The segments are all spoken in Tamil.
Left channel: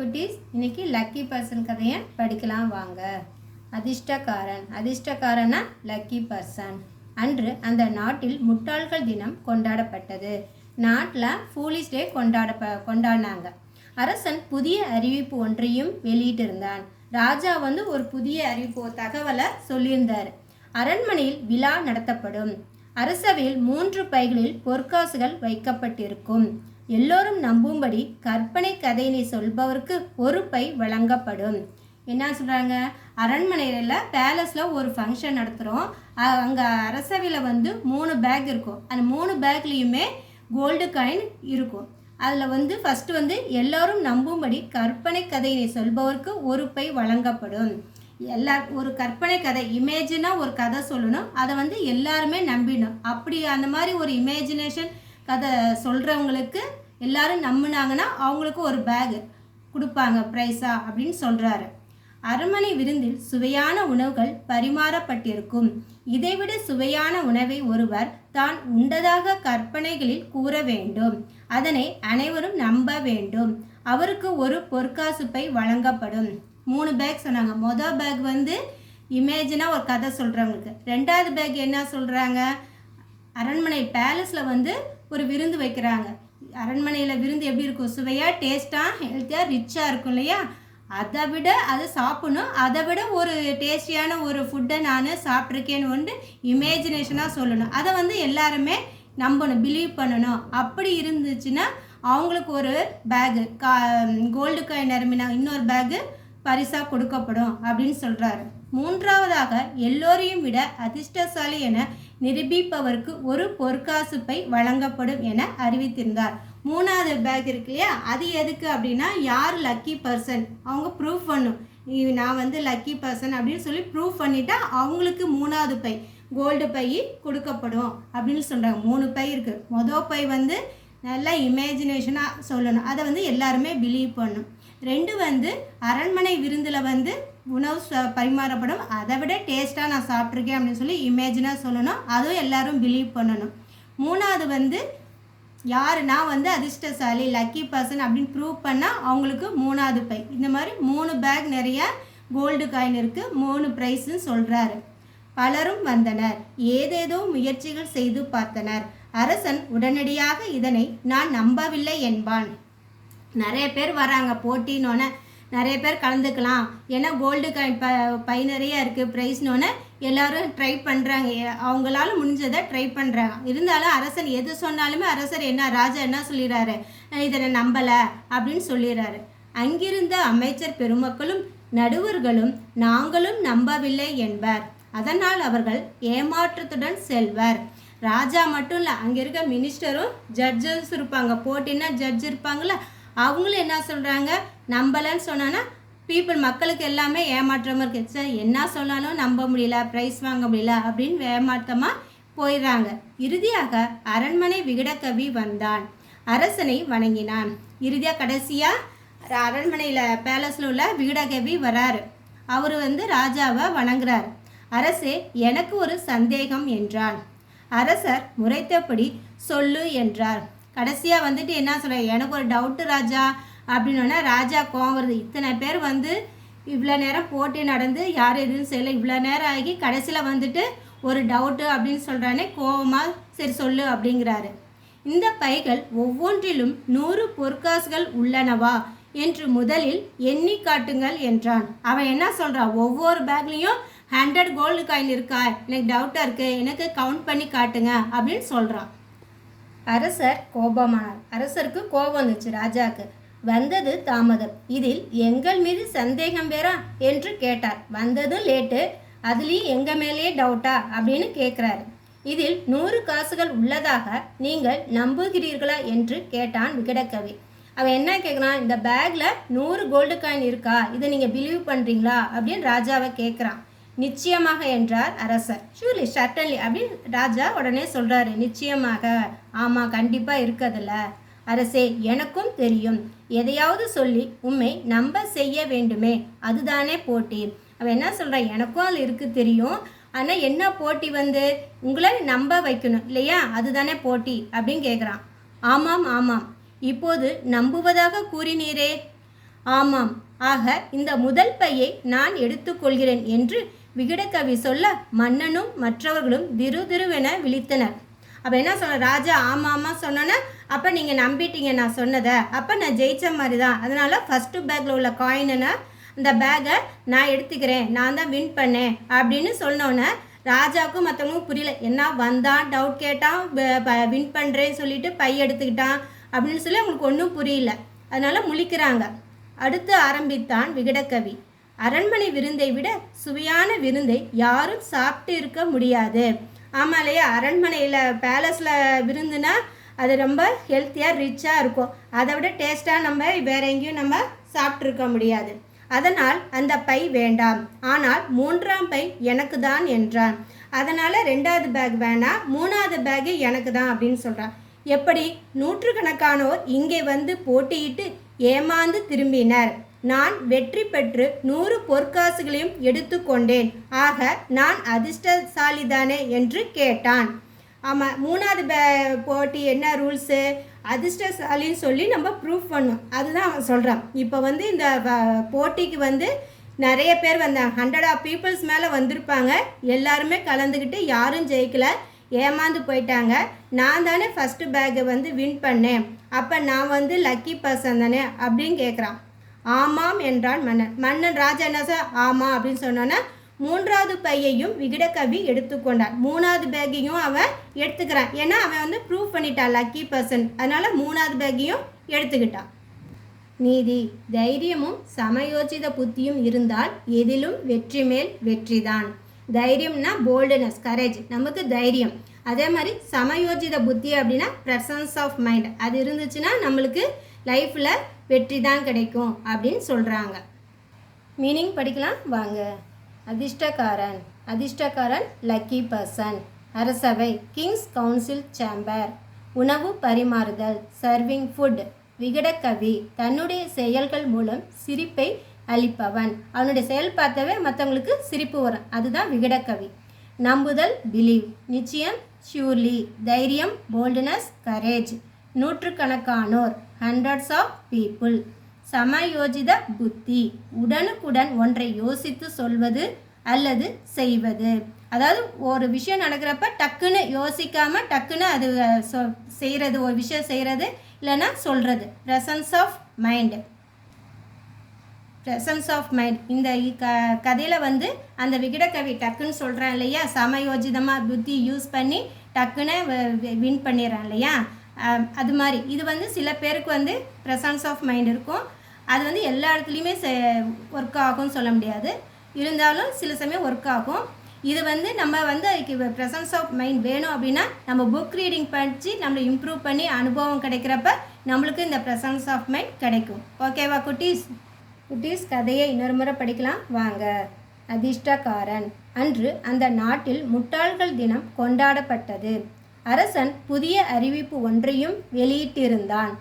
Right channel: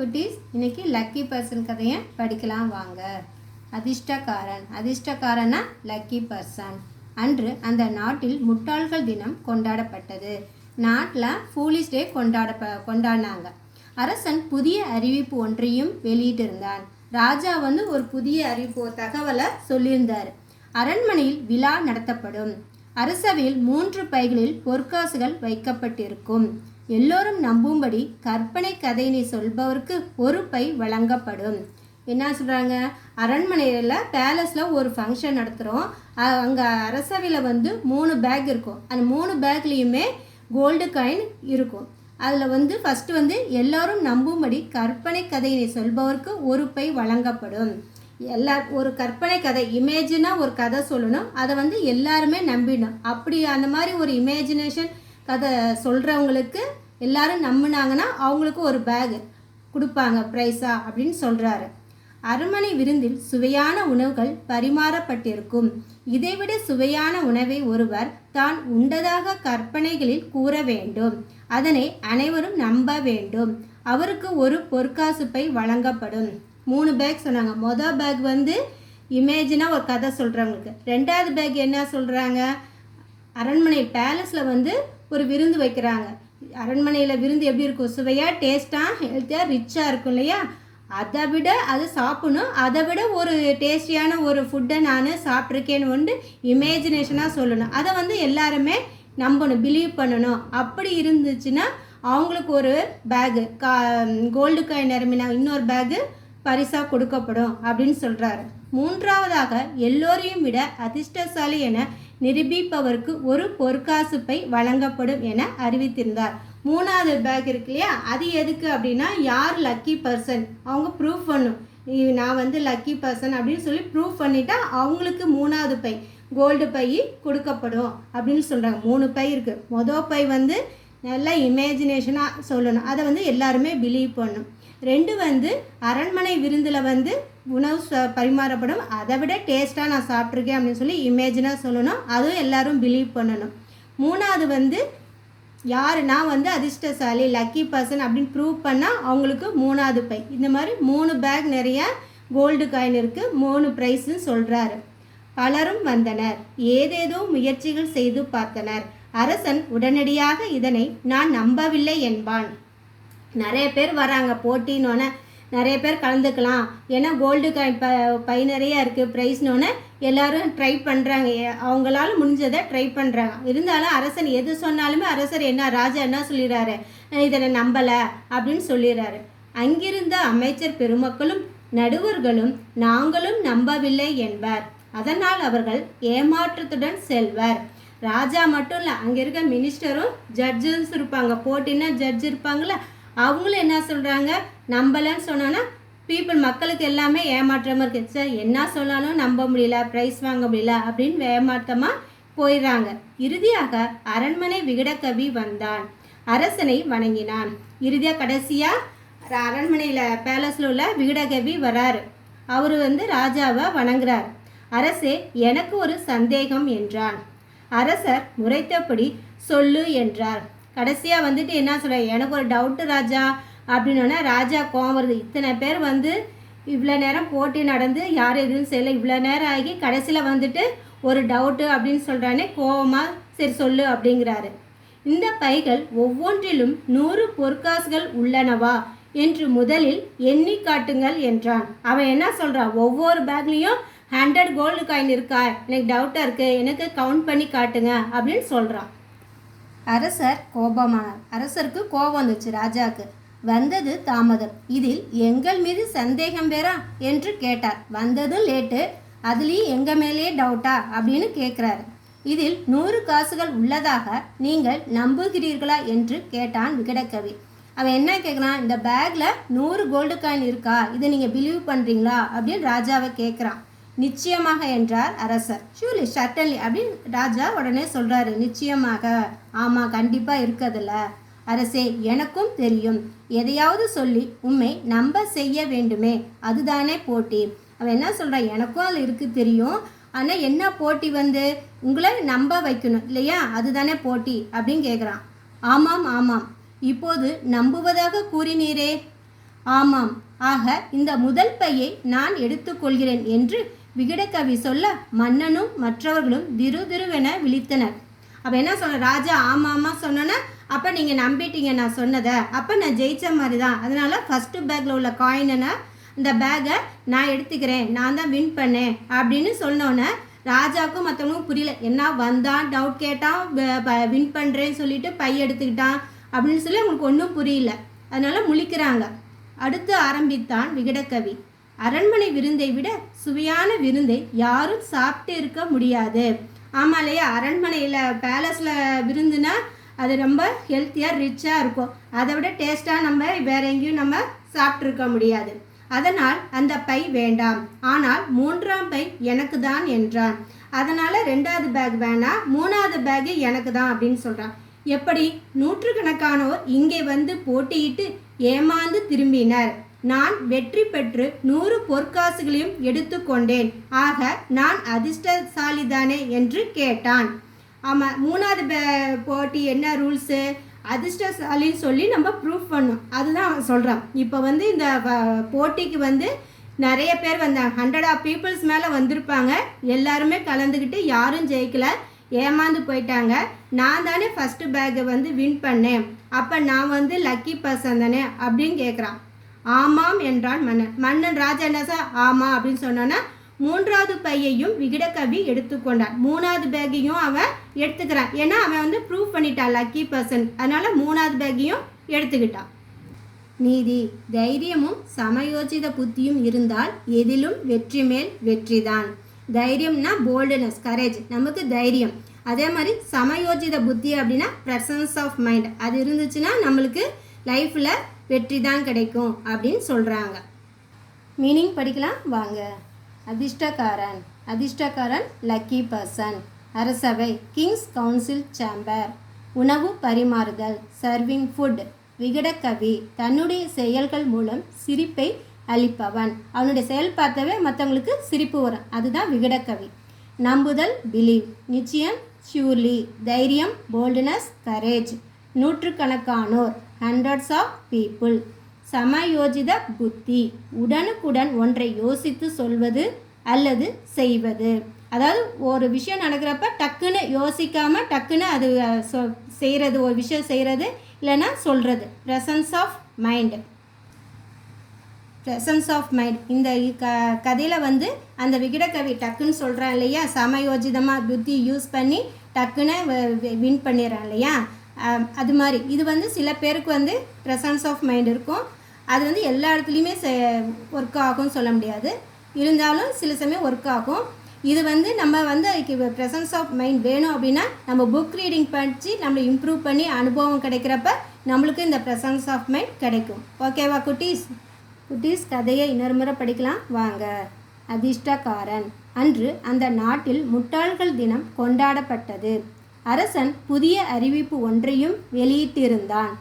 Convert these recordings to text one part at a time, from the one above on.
குட்டீஸ், இன்னைக்கு லக்கி பர்சன் கதையை படிக்கலாம் வாங்க. அதிர்ஷ்டக்காரனா லக்கி பர்சன். அன்று அந்த நாட்டில் முட்டாள்கள் தினம் கொண்டாடப்பட்டது. நாட்டில் ஃபூலிஷ் டே கொண்டாடினாங்க. அரசன் புதிய அறிவிப்பு ஒன்றையும் வெளியிட்டிருந்தான். ராஜா ஒரு புதிய அறிவிப்பு தகவலை சொல்லியிருந்தார். அரண்மனையில் விழா நடத்தப்படும். அரசவையில் 3 பைகளில் பொற்காசுகள் வைக்கப்பட்டிருக்கும். எல்லோரும் நம்பும்படி கற்பனை கதையினை சொல்பவருக்கு ஒரு பை வழங்கப்படும். என்ன சொல்கிறாங்க, அரண்மனையில் பேலஸில் ஒரு ஃபங்க்ஷன் நடத்துகிறோம். அங்கே அரசவையில் 3 பேக் இருக்கும். அந்த 3 பேக்லேயுமே கோல்டு காயின் இருக்கும். அதில் ஃபஸ்ட்டு எல்லோரும் நம்பும்படி கற்பனை கதையினை சொல்பவருக்கு ஒரு பை வழங்கப்படும். ஒரு கற்பனை கதை, இமேஜினாக ஒரு கதை சொல்லணும். அதை எல்லாருமே நம்பிடணும். அப்படி அந்த மாதிரி ஒரு இமேஜினேஷன் கதை சொல்கிறவங்களுக்கு எல்லாரும் நம்பினாங்கன்னா அவங்களுக்கு ஒரு பேக் கொடுப்பாங்க ப்ரைஸா அப்படின்னு சொல்கிறாரு. அரண்மனை விருந்தில் சுவையான உணவுகள் பரிமாறப்பட்டிருக்கும். இதைவிட சுவையான உணவை ஒருவர் தான் உண்டதாக கற்பனைகளில் கூற வேண்டும். அதனை அனைவரும் நம்ப வேண்டும். அவருக்கு ஒரு பொற்காசு பை வழங்கப்படும். 3 பேக் சொன்னாங்க. மொதல் பேக் இமேஜினாக ஒரு கதை சொல்கிறவங்களுக்கு. 2வது பேக் என்ன சொல்கிறாங்க, அரண்மனை பேலஸில் ஒரு விருந்து வைக்கிறாங்க. அரண்மனையில் விருந்து எப்படி இருக்கும், சுவையாக, டேஸ்ட்டாக, ஹெல்த்தியாக, ரிச்சாக இருக்கும் இல்லையா? அதை விட அது சாப்பிடணும். அதை விட ஒரு டேஸ்டியான ஒரு ஃபுட்டை நான் சாப்பிட்ருக்கேன்னு இமேஜினேஷனாக சொல்லணும். அதை எல்லாருமே நம்பணும், பிலீவ் பண்ணணும். அப்படி இருந்துச்சுன்னா அவங்களுக்கு ஒரு பேகு கோல்டு காயின் நிரம்பினா இன்னொரு பேகு பரிசாக கொடுக்கப்படும் அப்படின்னு சொல்கிறாரு. 3வதாக எல்லோரையும் விட அதிர்ஷ்டசாலி என நிரூபிப்பவருக்கு ஒரு பொற்காசு பை வழங்கப்படும் என அறிவித்திருந்தார். 3வது பேக் இருக்கு இல்லையா, அது எதுக்கு அப்படின்னா யார் லக்கி பர்சன் அவங்க ப்ரூஃப் பண்ணும். நான் லக்கி பர்சன் அப்படின்னு சொல்லி ப்ரூஃப் பண்ணிட்டா அவங்களுக்கு 3வது பை கோல்டு பை கொடுக்கப்படும் அப்படின்னு சொல்கிறாங்க. 3 பை இருக்குது. மொதல் பை நல்லா இமேஜினேஷனாக சொல்லணும். அதை எல்லாருமே பிலீவ் பண்ணணும். 2 அரண்மனை விருந்தில் உணவு பரிமாறப்படும். அதை விட டேஸ்ட்டாக நான் சாப்பிட்ருக்கேன் அப்படின்னு சொல்லி இமேஜினாக சொல்லணும். அதுவும் எல்லாரும் பிலீவ் பண்ணணும். 3வது யார் நான் அதிர்ஷ்டசாலி லக்கி பர்சன் அப்படின்னு ப்ரூவ் பண்ணால் அவங்களுக்கு 3வது பை. இந்த மாதிரி 3 பேக் நிறைய கோல்டு காயின் இருக்குது. 3 ப்ரைஸுன்னு சொல்கிறாரு. பலரும் வந்தனர். ஏதேதோ முயற்சிகள் செய்து பார்த்தனர். அரசன் உடனடியாக இதனை நான் நம்பவில்லை என்பான். நிறைய பேர் வராங்க போட்டினோன்னே, நிறைய பேர் கலந்துக்கலாம். ஏன்னா கோல்டு காயின் பை நிறையா இருக்குது ப்ரைஸ்னோன்னே எல்லோரும் ட்ரை பண்ணுறாங்க. அவங்களால முடிஞ்சதை ட்ரை பண்ணுறாங்க. இருந்தாலும் அரசன் எது சொன்னாலுமே ராஜா என்ன சொல்லிடுறாரு, இதனை நம்பலை அப்படின்னு சொல்லிடுறாரு. அங்கிருந்த அமைச்சர் பெருமக்களும் நடுவர்களும் நாங்களும் நம்பவில்லை என்பார். அதனால் அவர்கள் ஏமாற்றத்துடன் செல்வர். ராஜா மட்டும் இல்லை, அங்கே இருக்க மினிஸ்டரும் ஜட்ஜஸ் இருப்பாங்க. போட்டின்னா ஜட்ஜ் இருப்பாங்களே, அவங்களும் என்ன சொல்கிறாங்க, நம்பலைன்னு சொன்னான்னா மக்களுக்கு எல்லாமே ஏமாற்றமாக இருக்குது. சார் என்ன சொன்னாலும் நம்ப முடியல, ப்ரைஸ் வாங்க முடியல அப்படின்னு ஏமாற்றமாக போயிடுறாங்க. இறுதியாக அரண்மனை விகடகவி வந்தான். அரசனை வணங்கினான். கடைசியாக அரண்மனையில் பேலஸில் உள்ள விகடகவி வராரு. அவர் ராஜாவை வணங்குறார். அரசே, எனக்கு ஒரு சந்தேகம் என்றான். அரசர் முறைத்தபடி சொல்லு என்றார். கடைசியாக என்ன சொல்ற, எனக்கு ஒரு டவுட்டு ராஜா அப்படின்னோன்னா ராஜா கோவம் வருது. இத்தனை பேர் இவ்வளோ நேரம் போட்டி நடந்து யாரும் எதுவும் செய்யலை, இவ்வளோ நேரம் ஆகி கடைசியில் ஒரு டவுட்டு அப்படின்னு சொல்கிறானே கோவமாக, சரி சொல்லு அப்படிங்கிறாரு. இந்த பைகள் ஒவ்வொன்றிலும் 100 பொற்காசுகள் உள்ளனவா என்று முதலில் எண்ணி காட்டுங்கள் என்றான். அவன் என்ன சொல்கிறான், ஒவ்வொரு பேக்லேயும் 100 கோல்டு காயின் இருக்கா, எனக்கு டவுட்டாக இருக்குது, எனக்கு கவுண்ட் பண்ணி காட்டுங்க அப்படின்னு சொல்கிறான். அரசர் கோபமானார். அரசருக்கு கோபம் வந்துச்சு. ராஜாவுக்கு வந்தது தாமதம், இதில் எங்கள் மீது சந்தேகம் வேறா என்று கேட்டார். வந்ததும் லேட்டு, அதுலேயும் எங்கள் மேலேயே டவுட்டா அப்படின்னு கேட்குறாரு. இதில் 100 காசுகள் உள்ளதாக நீங்கள் நம்புகிறீர்களா என்று கேட்டான் விகடகவி. அவன் என்ன கேட்குறான், இந்த பேக்கில் 100 கோல்டு காயின் இருக்கா, இதை நீங்கள் பிலீவ் பண்ணுறீங்களா அப்படின்னு ராஜாவை கேட்குறான். நிச்சயமாக என்றார் அரசர். ஷூர்லி, சட்டன்லி அப்படின்னு ராஜா உடனே சொல்கிறாரு. நிச்சயமாக, ஆமாம், கண்டிப்பாக இருக்கதில்ல அரசே, எனக்கும் தெரியும். எதையாவது சொல்லி உண்மை நம்ப செய்ய வேண்டுமே, அதுதானே போட்டி. அவன் என்ன சொல்கிறான், எனக்கும் அதில் இருக்குது தெரியும். ஆனால் என்ன போட்டி உங்களை நம்ப வைக்கணும் இல்லையா, அதுதானே போட்டி அப்படின்னு கேட்குறான். ஆமாம் ஆமாம், இப்போது நம்புவதாக கூறினீரே. ஆமாம், ஆக இந்த முதல் பையை நான் எடுத்துக்கொள்கிறேன் என்று விகடகவி சொல்ல மன்னனும் மற்றவர்களும் திருவென விழித்தனர். அப்போ என்ன சொல்ற, ராஜா ஆமாம்மா சொன்னோன்னா அப்போ நீங்கள் நம்பிட்டீங்க நான் சொன்னதை, அப்போ நான் ஜெயித்த மாதிரி தான். அதனால் ஃபஸ்ட்டு பேக்கில் உள்ள காயினை அந்த பேக்கை நான் எடுத்துக்கிறேன், நான் தான் வின் பண்ணேன் அப்படின்னு சொன்னோன்னே ராஜாவுக்கும் மற்றவங்களுக்கும் புரியல. என்ன வந்தான், டவுட் கேட்டான், வின் பண்ணுறேன்னு சொல்லிட்டு பை எடுத்துக்கிட்டான் அப்படின்னு சொல்லி அவங்களுக்கு ஒன்றும் புரியல. அதனால் முழிக்கிறாங்க. அடுத்து ஆரம்பித்தான் விகடகவி. அரண்மனை விருந்தை விட சுவையான விருந்தை யாரும் சாப்பிட்டு இருக்க முடியாது. ஆமாம் இல்லையா, அரண்மனையில் பேலஸில் விருந்துனா அது ரொம்ப ஹெல்த்தியாக ரிச்சாக இருக்கும். அதை விட டேஸ்ட்டாக நம்ம வேற எங்கேயும் நம்ம சாப்பிட்ருக்க முடியாது. அதனால் அந்த பை வேண்டாம், ஆனால் 3ஆம் பை எனக்கு தான் என்றான். அதனால் 2வது பேக் வேணாம், 3வது பேக்கு எனக்கு தான் அப்படின்னு சொல்கிறான். எப்படி? நூற்றுக்கணக்கானோர் இங்கே வந்து போட்டியிட்டு ஏமாந்து திரும்பினர். நான் வெற்றி பெற்று 100 பொற்காசுகளையும் எடுத்துக்கொண்டேன். ஆக நான் அதிர்ஷ்டசாலிதானே என்று கேட்டான். ஆமாம், 3வது போட்டி என்ன ரூல்ஸு? அதிர்ஷ்டசாலின்னு சொல்லி நம்ம ப்ரூஃப் பண்ணோம். அதுதான் அவன் சொல்கிறான். இப்போ வந்து இந்த போட்டிக்கு நிறைய பேர் வந்தாங்க, 100 of பீப்புள்ஸ் மேலே வந்திருப்பாங்க. எல்லாருமே கலந்துக்கிட்டு யாரும் ஜெயிக்கலை, ஏமாந்து போயிட்டாங்க. நான் தானே ஃபஸ்ட்டு பேக்கை வின் பண்ணேன், அப்போ நான் லக்கி பர்சன் தானே அப்படின்னு கேட்குறான். ஆமாம் என்றான் மன்னன். மன்னன் ராஜா என்ன சார் ஆமாம் அப்படின்னு சொன்னோன்னா 3வது பையையும் விகடகவி எடுத்துக்கொண்டான். 3வது பேக்கையும் அவன் எடுத்துக்கிறான். ஏன்னா அவன் ப்ரூவ் பண்ணிட்டான் லக்கி பர்சன், அதனால 3வது பேக்கையும் எடுத்துக்கிட்டான். நீதி, தைரியமும் சமயோஜித புத்தியும் இருந்தால் எதிலும் வெற்றி மேல் வெற்றிதான். தைரியம்னா போல்டுனஸ், கரேஜ், நமக்கு தைரியம். அதே மாதிரி சமயோஜித புத்தி அப்படின்னா ப்ரெசன்ஸ் ஆஃப் மைண்ட், அது இருந்துச்சுன்னா நம்மளுக்கு லைஃப்பில் வெற்றி தான் கிடைக்கும் அப்படின்னு சொல்கிறாங்க. மீனிங் படிக்கலாம் வாங்க. அதிர்ஷ்டக்காரன், அதிர்ஷ்டக்காரன் லக்கி பர்சன். அரசவை, கிங்ஸ் கவுன்சில் சேம்பர். உணவு பரிமாறுதல், சர்விங் ஃபுட். விகடகவி, தன்னுடைய செயல்கள் மூலம் சிரிப்பை அளிப்பவன். அவனுடைய செயல் பார்த்தவே மற்றவங்களுக்கு சிரிப்பு வரும், அதுதான் விகடகவி. நம்புதல், பிலீவ், நிச்சயம், ஷூர்லி, தைரியம், போல்ட்னஸ், கரேஜ். நூற்றுக்கணக்கானோர், ஹண்ட்ரட்ஸ் ஆஃப் பீப்புள். சமயோஜித புத்தி, உடனுக்குடன் ஒன்றை யோசித்து சொல்வது அல்லது செய்வது. அதாவது ஒரு விஷயம் நடக்கிறப்ப டக்குன்னு யோசிக்காமல் டக்குன்னு அது செய்கிறது, ஒரு விஷயம் செய்கிறது இல்லைன்னா சொல்கிறது. Presence of mind, presence of mind. இந்த கதையில் அந்த விகடகவி டக்குன்னு சொல்கிறான் இல்லையா, சமயோஜிதமாக புத்தி யூஸ் பண்ணி டக்குன்னு வின் பண்ணிடுறான் இல்லையா, அது மாதிரி இது சில பேருக்கு ப்ரெசன்ஸ் ஆஃப் மைண்ட் இருக்கும். அது எல்லா இடத்துலையுமே ஒர்க் ஆகும்னு சொல்ல முடியாது, இருந்தாலும் சில சமயம் ஒர்க் ஆகும். இது நம்ம அதுக்கு ப்ரெசன்ஸ் ஆஃப் மைண்ட் வேணும் அப்படின்னா நம்ம புக் ரீடிங் படித்து நம்ம இம்ப்ரூவ் பண்ணி அனுபவம் கிடைக்கிறப்ப நம்மளுக்கு இந்த ப்ரெசன்ஸ் ஆஃப் மைண்ட் கிடைக்கும். ஓகேவா குட்டீஸ்? குட்டீஸ், கதையை இன்னொரு முறை படிக்கலாம் வாங்க. அதிர்ஷ்டக்காரன். அன்று அந்த நாட்டில் முட்டாள்கள் தினம் கொண்டாடப்பட்டது. அரசன் புதிய அறிவிப்பு ஒன்றையும் வெளியிட்டிருந்தான்.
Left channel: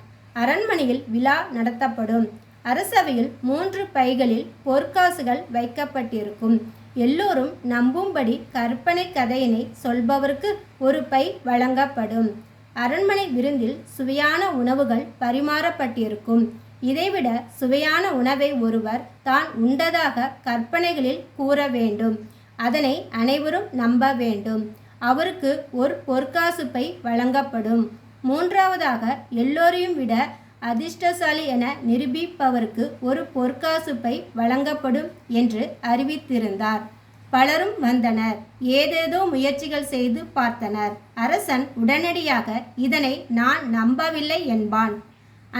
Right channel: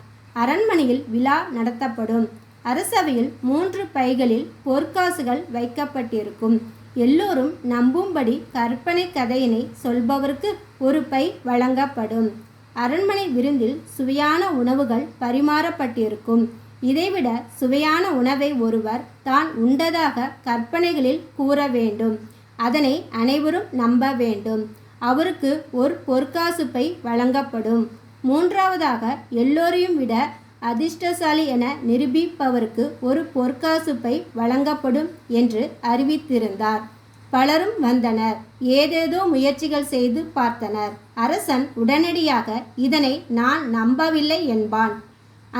அரண்மனையில் விழா நடத்தப்படும். அரசவையில் 3 பைகளில் பொற்காசுகள் வைக்கப்பட்டிருக்கும். எல்லோரும் நம்பும்படி கற்பனை கதையினை சொல்பவருக்கு ஒரு பை வழங்கப்படும். அரண்மனை விருந்தில் சுவையான உணவுகள் பரிமாறப்பட்டிருக்கும். இதைவிட சுவையான உணவை ஒருவர் தான் உண்டதாக கற்பனைகளில் கூற வேண்டும். அதனை அனைவரும் நம்ப வேண்டும். அவருக்கு ஒரு பொற்காசு பை வழங்கப்படும். 3வதாக எல்லோரையும் விட அதிர்ஷ்டசாலி என நிரூபிப்பவருக்கு ஒரு பொற்காசு பை வழங்கப்படும் என்று அறிவித்திருந்தார். பலரும் வந்தனர். ஏதேதோ முயற்சிகள் செய்து பார்த்தனர். அரசன் உடனடியாக இதனை நான் நம்பவில்லை என்பான்.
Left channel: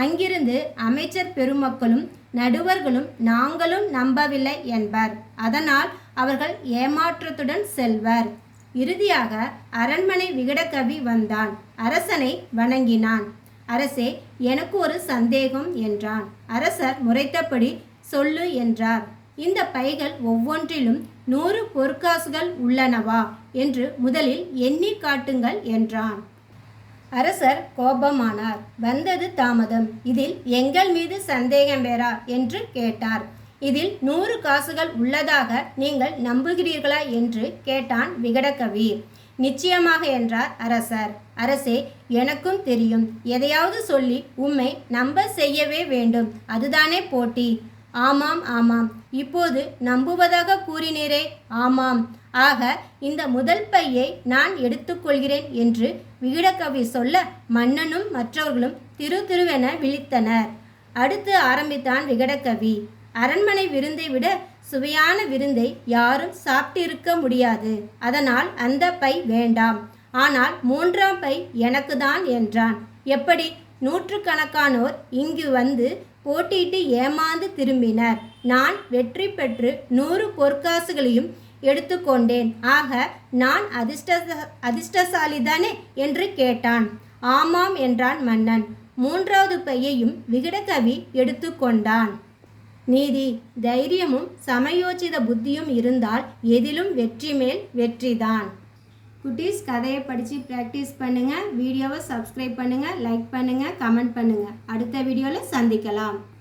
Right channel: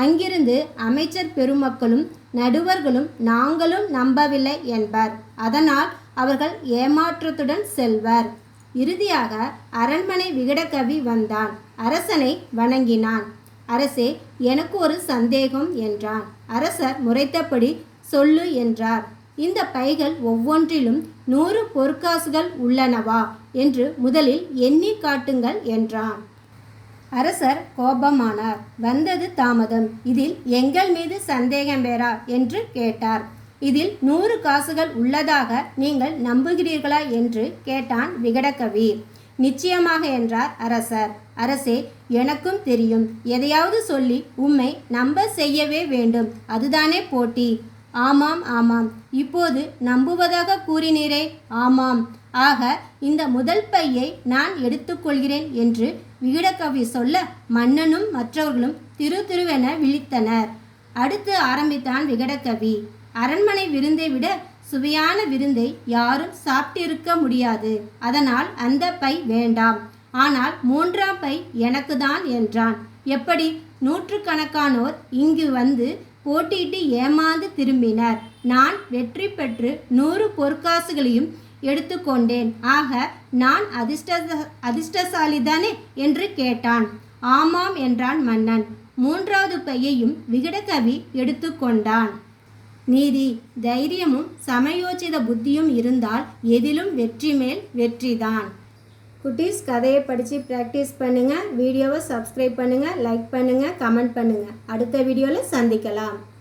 அங்கிருந்து அமைச்சர் பெருமக்களும் நடுவர்களும் நாங்களும் நம்பவில்லை என்பர். அதனால் அவர்கள் ஏமாற்றத்துடன் செல்வர். இறுதியாக அரண்மனை விகடகவி வந்தான். அரசனை வணங்கினான். அரசே, எனக்கு ஒரு சந்தேகம் என்றான். அரசர் முறைத்தபடி சொல்லு என்றார். இந்த பைகள் ஒவ்வொன்றிலும் 100 பொற்காசுகள் உள்ளனவா என்று முதலில் எண்ணி காட்டுங்கள் என்றான். அரசர் கோபமானார். வந்தது தாமதம், இதில் எங்கள் மீது சந்தேகம் வேறா என்று கேட்டார். இதில் 100 காசுகள் உள்ளதாக நீங்கள் நம்புகிறீர்களா என்று கேட்டான் விகடகவி. நிச்சயமாக என்றார் அரசர். அரசே, எனக்கும் தெரியும். எதையாவது சொல்லி உம்மை நம்ப செய்யவே வேண்டும். அதுதானே போட்டி. ஆமாம் ஆமாம். இப்போது நம்புவதாக கூறினீரே. ஆமாம். ஆக இந்த முதல் பையை நான் எடுத்துக்கொள்கிறேன் என்று விகடகவி சொல்ல மன்னனும் மற்றவர்களும் திருவென விழித்தனர். அடுத்து ஆரம்பித்தான் விகடகவி. அரண்மனை விருந்தை விட சுவையான விருந்தை யாரும் சாப்பிட்டிருக்க முடியாது. அதனால் அந்த பை வேண்டாம். ஆனால் 3ஆம் பை எனக்கு தான் என்றான். எப்படி? நூற்றுக்கணக்கானோர் இங்கு வந்து போட்டியிட்டு ஏமாந்து திரும்பினர். நான் வெற்றி பெற்று 100 பொற்காசுகளையும் எடுத்துக்கொண்டேன். ஆக நான் அதிர்ஷ்டசாலிதானே என்று கேட்டான். ஆமாம் என்றான் மன்னன். 3வது பையையும் விகடகவி எடுத்துக்கொண்டான். நீதி, தைரியமும் சமயோசித புத்தியும் இருந்தால் எதிலும் வெற்றி மேல் வெற்றிதான். குட்டீஸ், கதையை படித்து ப்ராக்டிஸ் பண்ணுங்கள். வீடியோவை சப்ஸ்கிரைப் பண்ணுங்கள், லைக் பண்ணுங்கள், கமெண்ட் பண்ணுங்கள். அடுத்த வீடியோவில் சந்திக்கலாம்.